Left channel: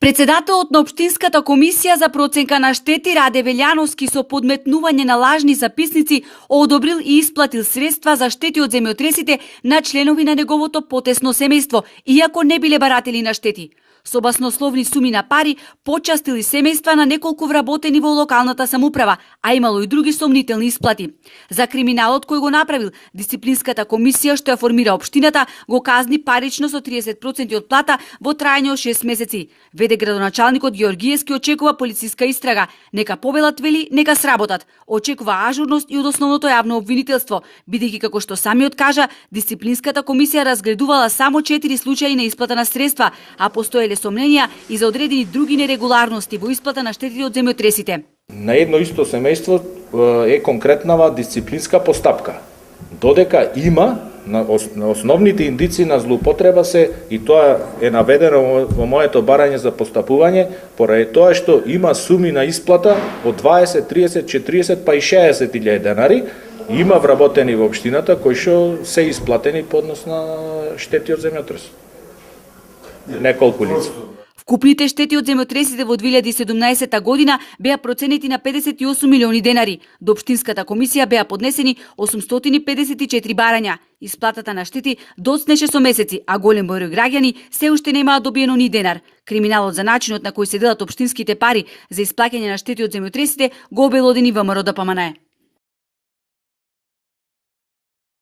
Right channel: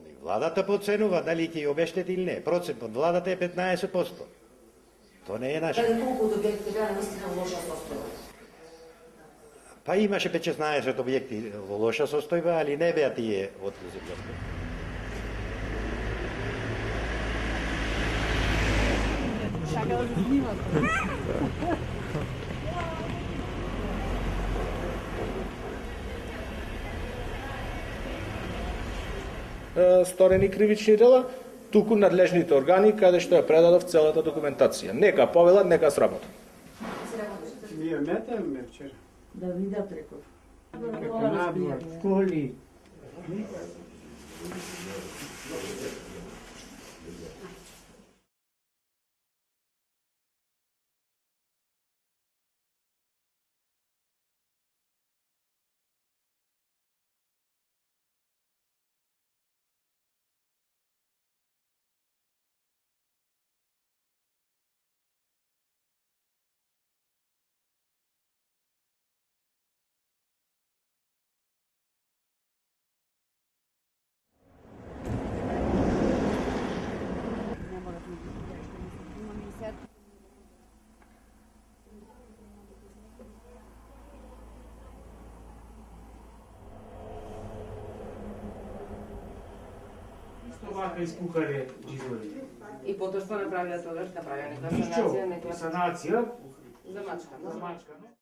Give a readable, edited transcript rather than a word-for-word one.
Председателот на Општинската комисија за проценка на штети Раде Велјановски со подметнување на лажни записници одобрил и исплатил средства за штети од земјотресите на членови на неговото потесно семејство, иако не биле баратели на штети. Со баснословни суми на пари почастили семејства на неколку вработени во локалната самоуправа, а имало и други сомнителни исплати. За криминалот кој го направил, дисциплинската комисија што ја формира општината го казни парично со 30% од плата во трајање од 6 месеци. Веде градоначалникот Георгиевски очекува полициска истрага. Нека повелат, вели, нека сработат. Очекува ажурност и од основното јавно обвинителство, бидејќи како што самиот кажа, дисциплинската комисија разгледувала само 4 случаи на исплата на средства, а постоеле сомненија и за одредени други нерегуларности во исплата на штетите од земјотресите. На едно исто семејство е конкретнава дисциплинска постапка. Додека има на основните индици на злоупотреба се, и тоа е наведено во моето барање за постапување, поради тоа што има суми на исплата од 20, 30, 40 па и 60 илјади денари, има вработени во општината кои што се исплатени по однос на штети од земјотрес. Неколку лица. Вкупните штети од земјотресите во 2017 година беа проценети на 58 милиони денари. До Општинската комисија беа поднесени 854 барања. Исплатата на штети доцнеше со месеци, а голем број граѓани се уште немаат добиено ни денар. Криминалот за начинот на кој се делат општинските пари за исплаќање на штети од земјотресите го обелодени ВМРО ДПМНЕ.